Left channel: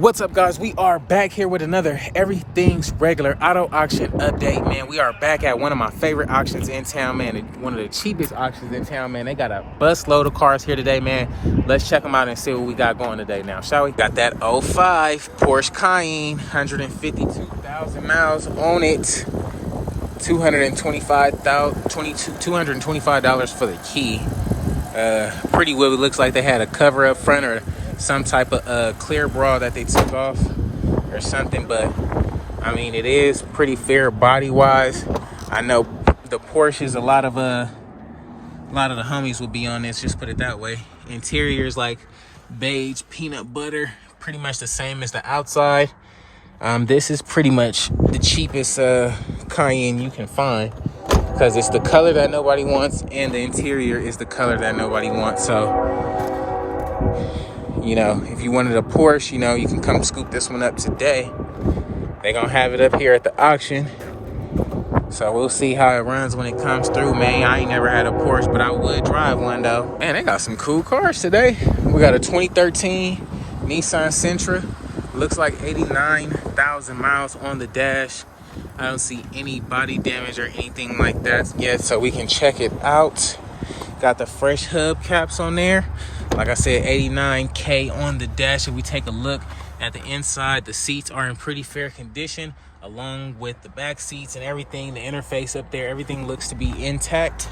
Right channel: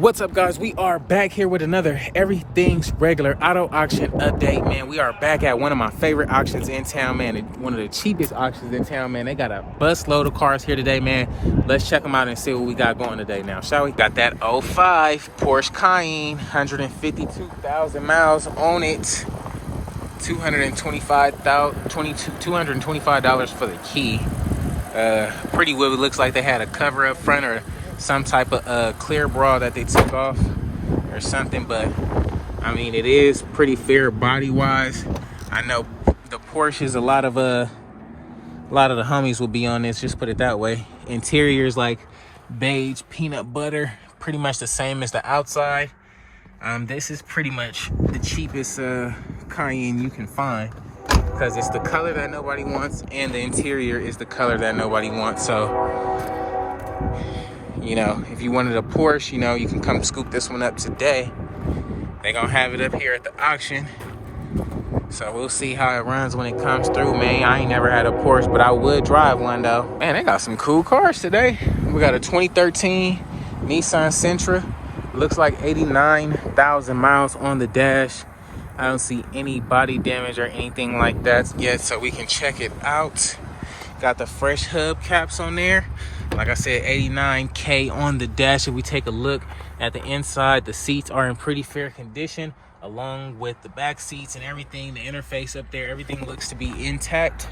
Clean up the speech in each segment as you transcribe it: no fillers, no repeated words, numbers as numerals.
What's up, guys? We are back here with another Everything's Regular auto auction update, man. We are back at one of my favorite auctions in town, man. One of the cheapest auctions in town, man. They got a busload of cars here today, man. Let's check them out and see what we got going today now, shall we? Got that '05 Porsche Cayenne, 152,000 miles on it. $225 for the key. Pretty well, it looks like they had a cover up front or some type of clear bra that they took off or something, but I mean, it is pretty fair body wise. I know the Porsches, a lot of the homies will be on this, just put it that way. Interior is like beige peanut butter, pretty much the same as the outside. This is pretty much the cheapest Cayenne you can find because it's the color that nobody wants and the interior is the color that nobody wants. So, you know, if you wanted a Porsche, you know, you can come scoop this one up today. They're gonna have it up here at the auction. So we'll see how it runs when it comes through, man. I ain't never had a Porsche, but I would drive one though. Man, they got some cool cars today. We got a 2013 Nissan Sentra. Looks like 89,000 miles on the dash. I don't see any body damage or anything like that yet, so we can check it out. Got the fresh hub caps on there. Like I said, 89K on the dash. If we take a look at the inside, the seats are in pretty fair condition, along with the back seats and everything. The interface up there, everything looks to be intact.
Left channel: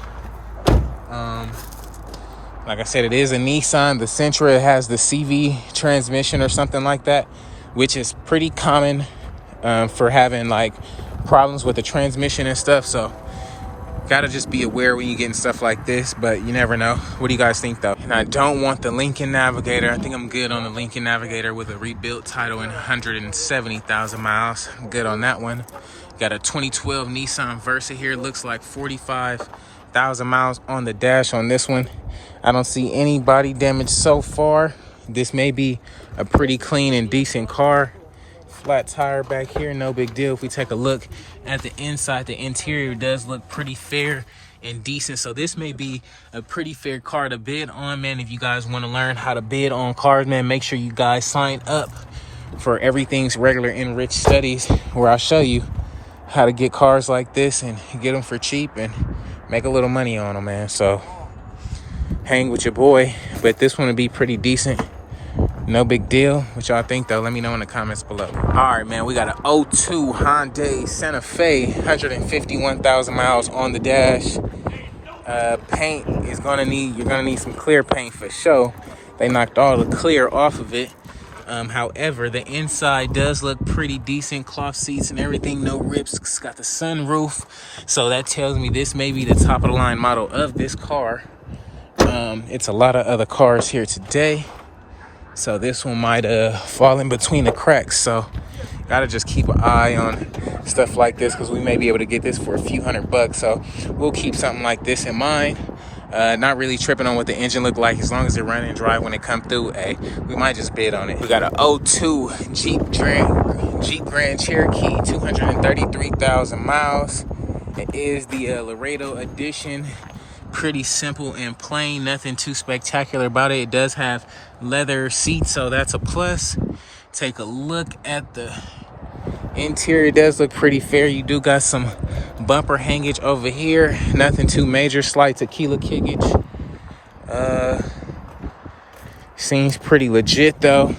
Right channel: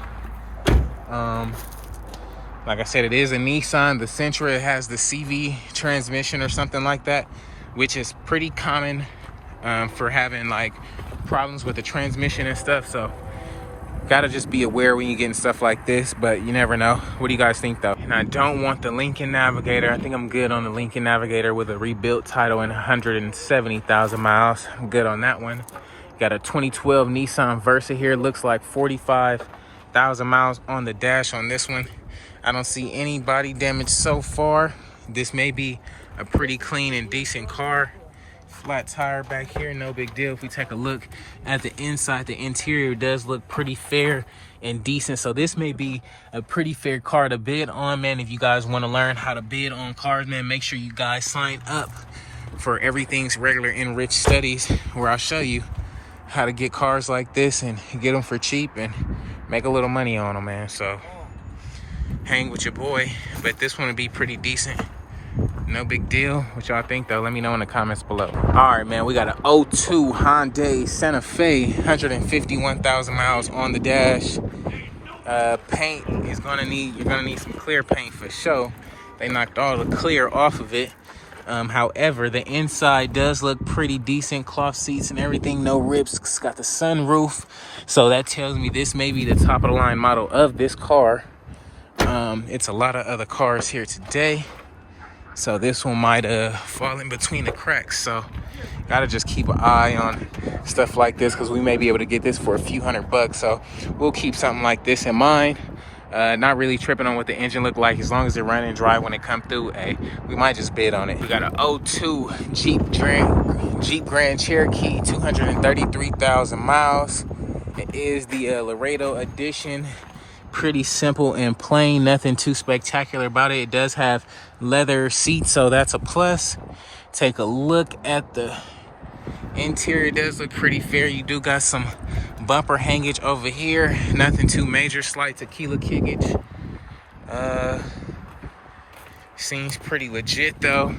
Like I said, it is a Nissan. The Sentra has the CV transmission or something like that, which is pretty common for having like problems with the transmission and stuff. So gotta just be aware when you getting stuff like this, but you never know. What do you guys think though? And I don't want the Lincoln Navigator. I think I'm good on the Lincoln Navigator with a rebuilt title and 170,000 miles. I'm good on that one. Got a 2012 Nissan Versa here. Looks like 45,000 miles on the dash on this one. I don't see any body damage so far. This may be a pretty clean and decent car. Flat tire back here, no big deal. If we take a look at the inside, the interior does look pretty fair and decent. So this may be a pretty fair car to bid on, man. If you guys want to learn how to bid on cars, man, make sure you guys sign up for Everything's Regular Enriched Studies, where I'll show you how to get cars like this and get them for cheap and make a little money on them, man. So hang with your boy, but this one will be pretty decent. No big deal. What y'all think though? Let me know in the comments below. All right, man, we got an '02 Hyundai Santa Fe, 151,000 miles on the dash. Paint is you're gonna need some clear paint for sure. They knocked all the clear off of it. However, the inside does look pretty decent. Cloth seats and everything, no rips. It's got the sunroof, so that tells me this may be the top of the line model of this car. It's a lot of other cars here today, so this one might fall in between the cracks. So gotta just keep an eye on stuff like this, because we may be able to get this for a few $100. So we'll keep something like this in mind. Not really tripping on what the engine look like, as long as it run and drive when it come through. Hey, we might just bid on it. We got an '02 Jeep Grand Cherokee, 233,000 miles. It is the Laredo edition. Pretty simple and plain, nothing too spectacular about it. It does have leather seats, so that's a plus. Take a look at the interior. It does look pretty fair. You do got some bumper hangage over here, nothing too major. Slight tequila kickage. Seems pretty legit though.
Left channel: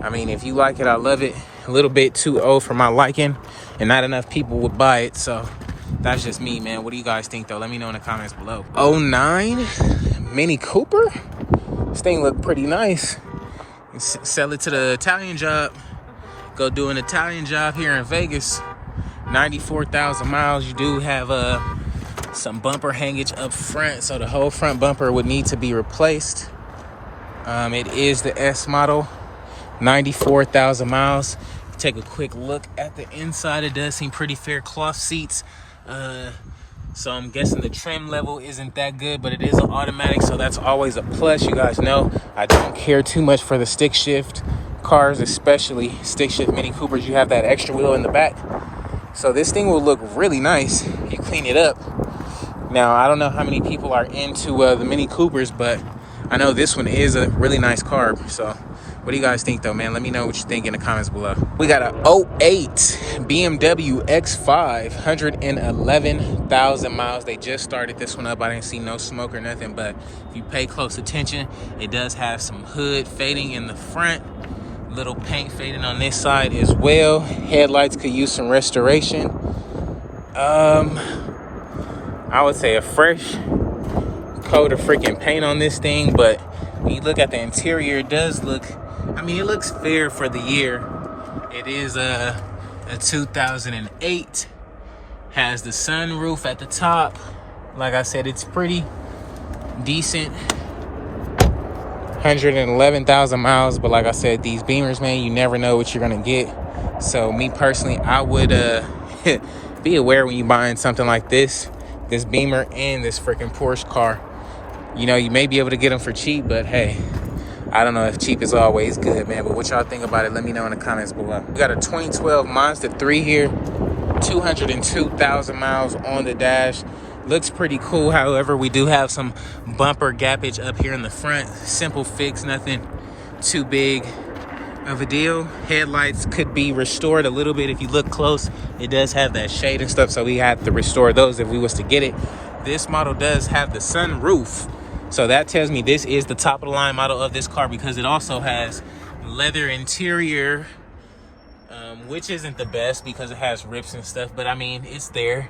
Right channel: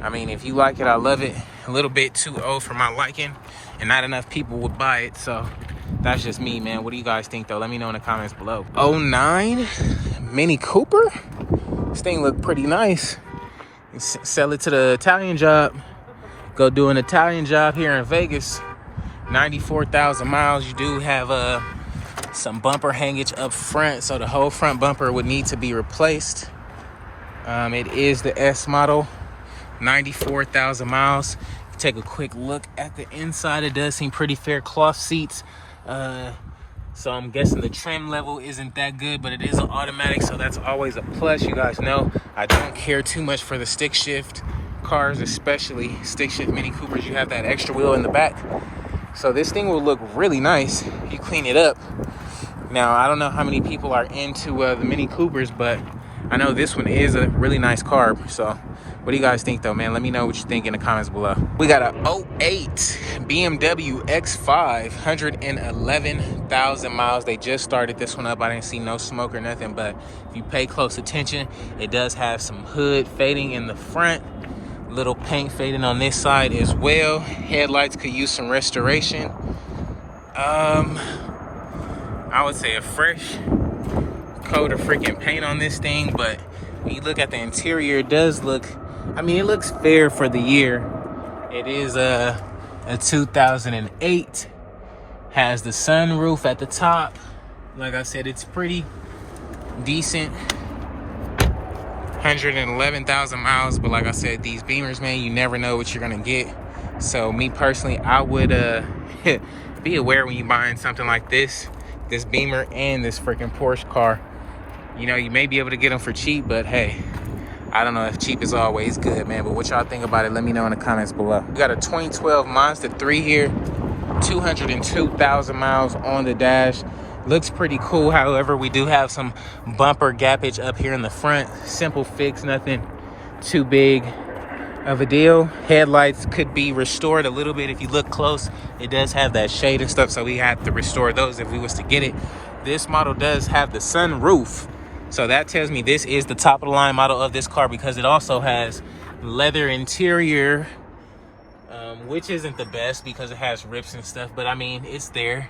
I mean, if you like it, I love it. A little bit too old for my liking, and not enough people would buy it, so that's just me, man. What do you guys think though? Let me know in the comments below. '09 Mini Cooper. This thing look pretty nice. Sell it to the Italian job. Go do an Italian job here in Vegas. 94,000 miles. You do have some bumper hangage up front, so the whole front bumper would need to be replaced. It is the S model. 94,000 miles. Take a quick look at the inside. It does seem pretty fair. Cloth seats. So I'm guessing the trim level isn't that good, but it is an automatic, so that's always a plus. You guys know I don't care too much for the stick shift cars, especially stick shift Mini Coopers. You have that extra wheel in the back, so this thing will look really nice. You clean it up. Now, I don't know how many people are into the Mini Coopers, but I know this one is a really nice car, so What do you guys think though, man? Let me know what you think in the comments below. We got a '08 BMW X5, 111,000 miles. They just started this one up. I didn't see no smoke or nothing, but if you pay close attention, it does have some hood fading in the front, little paint fading on this side as well. Headlights could use some restoration. I would say a fresh coat of freaking paint on this thing, but when you look at the interior, it does look, I mean, it looks fair for the year. It is a 2008, has the sunroof at the top. Like I said, it's pretty decent. 111,000 miles, but like I said, these Beamers, man, you never know what you're gonna get. So me personally, I would be aware when you're buying something like this Beamer and this freaking Porsche car. You know, you may be able to get them for cheap, but hey, I don't know if cheap is always good, man. But what y'all think about it, let me know in the comments below. We got a 2012 Mazda 3 here, 202,000 miles on the dash. Looks pretty cool. However, we do have some bumper gappage up here in the front. Simple fix, nothing too big of a deal. Headlights could be restored a little bit if you look close. It does have that shade and stuff, so we have to restore those if we was to get it. This model does have the sunroof, so that tells me this is the top of the line model of this car, because it also has leather interior, which isn't the best because it has rips and stuff, but I mean, it's there.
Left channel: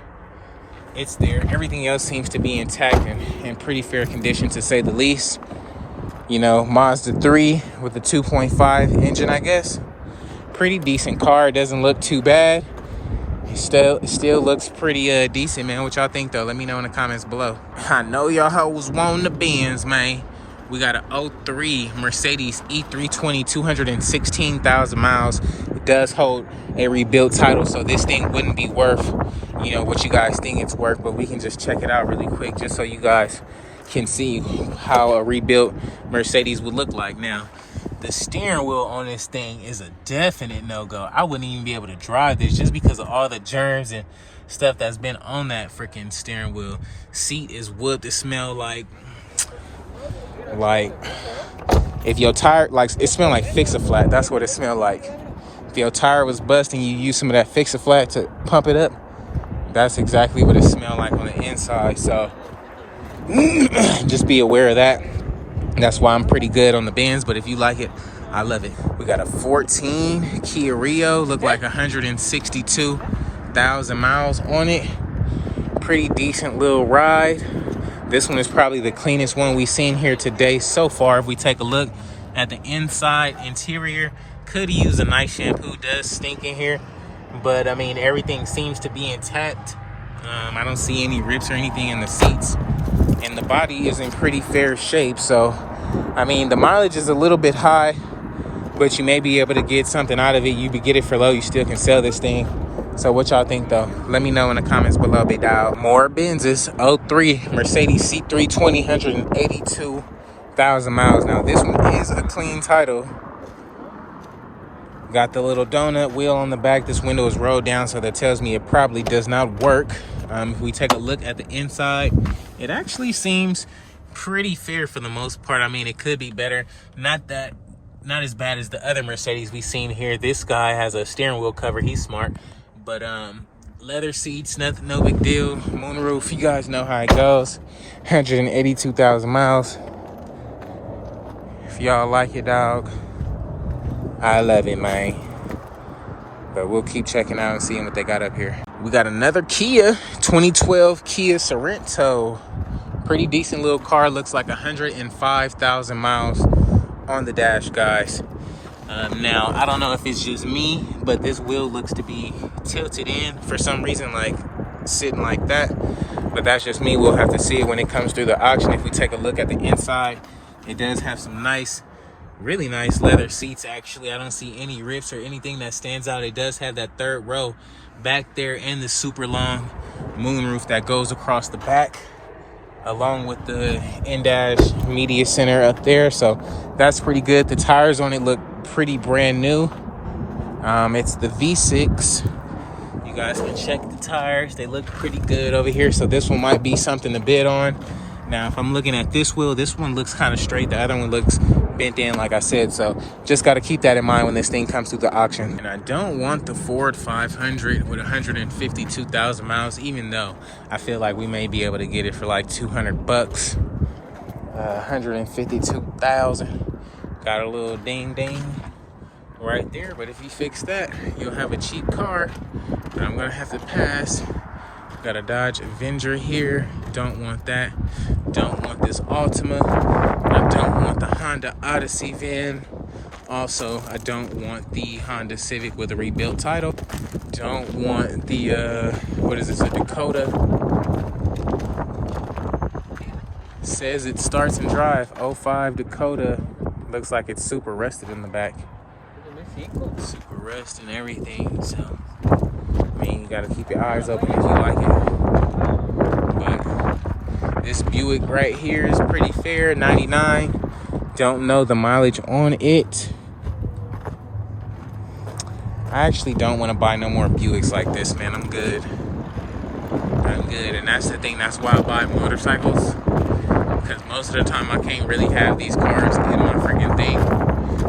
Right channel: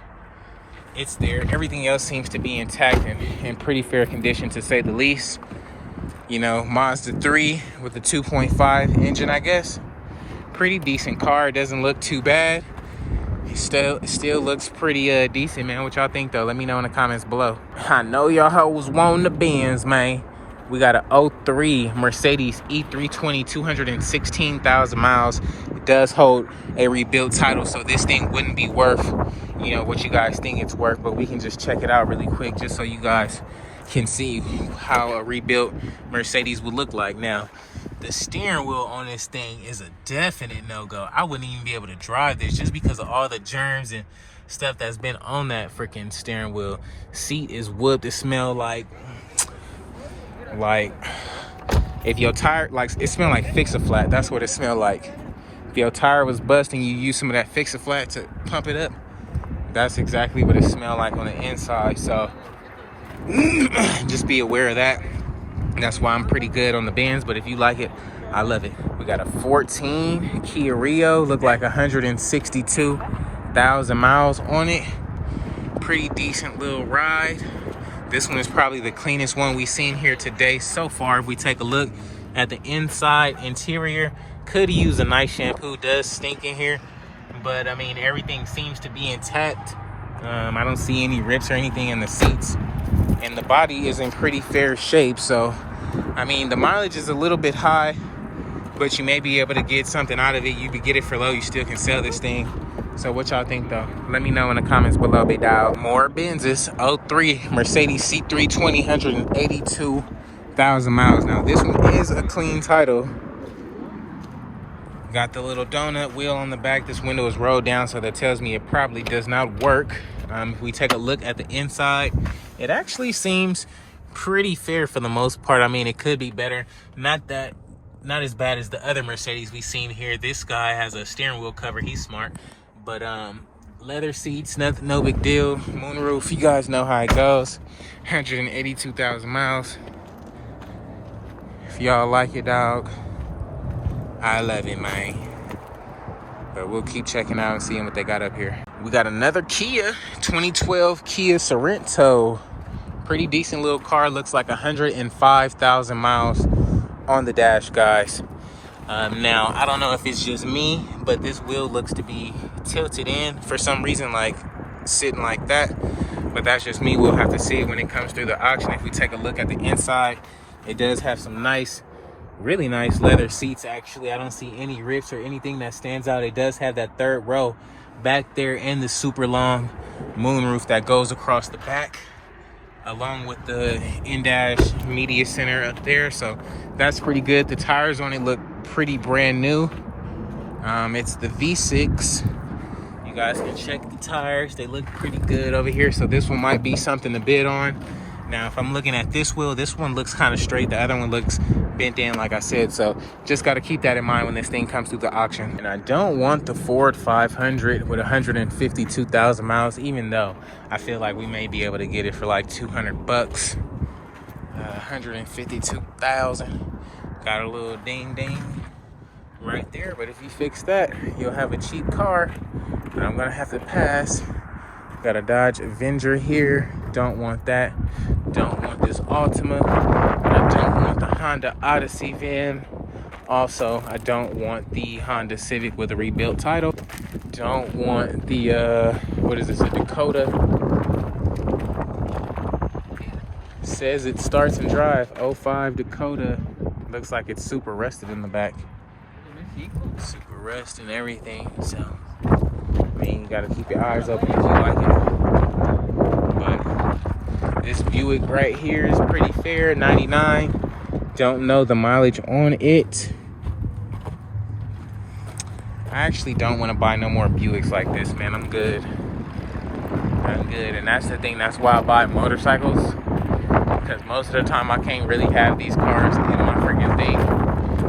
It's there. Everything else seems to be intact and in pretty fair condition, to say the least. You know, Mazda 3 with a 2.5 engine, I guess. Pretty decent car. It doesn't look too bad. Still looks pretty decent, man. What y'all think though? Let me know in the comments below. I know y'all hoes want the Benz, man. We got a 03 Mercedes E320, 216,000 miles. It does hold a rebuilt title, so this thing wouldn't be worth, you know, what you guys think it's worth, but we can just check it out really quick just so you guys can see how a rebuilt Mercedes would look like. Now, the steering wheel on this thing is a definite no-go. I wouldn't even be able to drive this just because of all the germs and stuff that's been on that freaking steering wheel. Seat is wood to smell like if your tire, like, it smelled like Fix-A-Flat. That's what it smelled like. If your tire was busting, you use some of that Fix-A-Flat to pump it up. That's exactly what it smelled like on the inside. So just be aware of that. That's why I'm pretty good on the Benz, but if you like it, I love it. We got a 14 Kia Rio, look like 162,000 miles on it. Pretty decent little ride. This one is probably the cleanest one we've seen here today so far. If we take a look at the inside interior, could use a nice shampoo. Does stink in here, but I mean, everything seems to be intact. I don't see any rips or anything in the seats, and the body is in pretty fair shape. So I mean, the mileage is a little bit high, but you may be able to get something out of it. You could get it for low, you still can sell this thing. So what y'all think though? Let me know in the comments below, big dog. More Benzes. 03 Mercedes C320, 182,000 miles. Now this one is a clean title. Got the little donut wheel on the back. This window is rolled down, so that tells me it probably does not work. If we take a look at the inside, it actually seems pretty fair for the most part. I mean, it could be better. Not as bad as the other Mercedes we've seen here. This guy has a steering wheel cover. He's smart. But leather seats, nothing, no big deal. Moonroof, you guys know how it goes. 182,000 miles. If y'all like it, dog, I love it, man. But we'll keep checking out and seeing what they got up here. We got another Kia, 2012 Kia Sorento. Pretty decent little car. Looks like 105,000 miles on the dash, guys. Now, I don't know if it's just me, but this wheel looks to be tilted in for some reason, like sitting like that. But that's just me. We'll have to see it when it comes through the auction. If we take a look at the inside, it does have some nice, really nice leather seats, actually. I don't see any rips or anything that stands out. It does have that third row back there and the super long moonroof that goes across the back, along with the in-dash media center up there. So that's pretty good. The tires on it look pretty brand new. It's the V6. You guys can check the tires. They look pretty good over here. So this one might be something to bid on. Now, if I'm looking at this wheel, this one looks kind of straight. The other one looks bent in, like I said. So just got to keep that in mind when this thing comes through the auction. And I don't want the Ford 500 with 152,000 miles, even though I feel like we may be able to get it for like 200 bucks. 152,000. Got a little ding ding right there. But if you fix that, you'll have a cheap car. But I'm going to have to pass. Got a Dodge Avenger here. Don't want that. Don't want this Altima. I don't want the Honda Odyssey van. Also, I don't want the Honda Civic with a rebuilt title. Don't want the, what is this, a Dakota. Says it starts and drive. 05 Dakota. Looks like it's super rusted in the back. Super rust and everything, so I mean, you gotta keep your eyes open if you like it. But this Buick right here is pretty fair, 99. Don't know the mileage on it. I actually don't want to buy no more Buicks like this, man. I'm good. And that's the thing. That's why I buy motorcycles. Because most of the time I can't really have these cars in my freaking thing.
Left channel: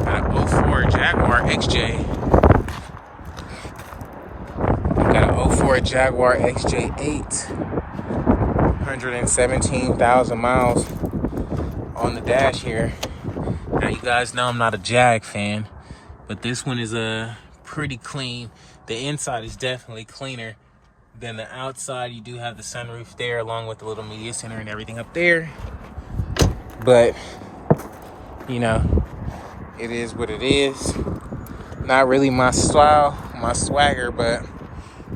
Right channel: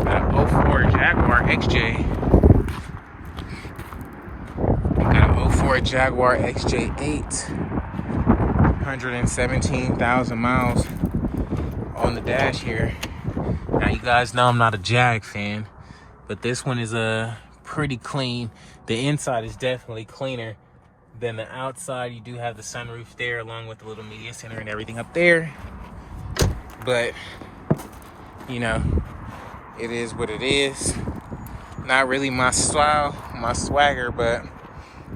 Got an 04 Jaguar XJ. Got an 04 Jaguar XJ8. 117,000 miles on the dash here. Now you guys know I'm not a Jag fan, but this one is pretty clean. The inside is definitely cleaner than the outside. You do have the sunroof there along with the little media center and everything up there. But, you know, it is what it is. Not really my style, my swagger, but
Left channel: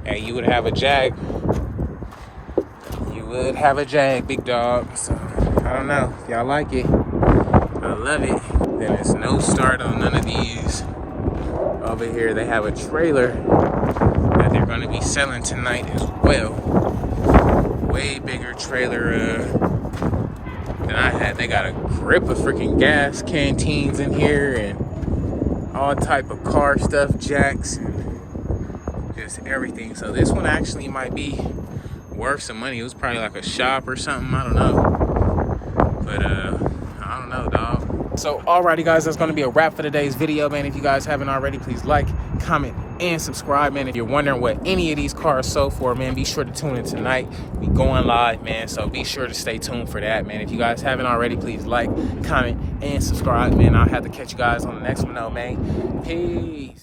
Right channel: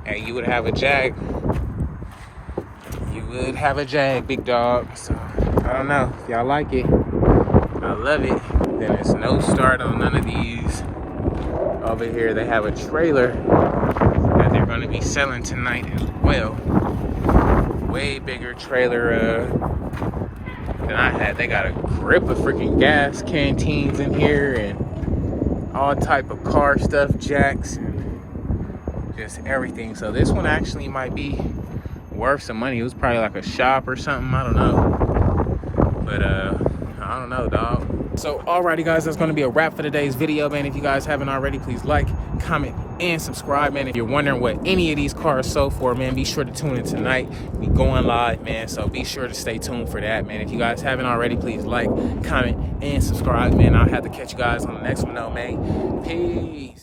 hey, you would have a Jag. You would have a Jag, big dog. So, I don't know. If y'all like it, I love it. Then there's no start on none of these. Over here, they have a trailer that they're going to be selling tonight as well. Way bigger trailer than I had. They got a grip of freaking gas canteens in here and all type of car stuff, jacks, and just everything. So this one actually might be worth some money. It was probably like a shop or something. I don't know. But I don't know, dog. So alrighty guys, that's going to be a wrap for today's video, man. If you guys haven't already, please like, comment, and subscribe, man. If you're wondering what any of these cars sold for, man, be sure to tune in tonight. We going live, man, so be sure to stay tuned for that, man. If you guys haven't already, please like, comment, and subscribe, man. I'll have to catch you guys on the next one, though, man. Peace.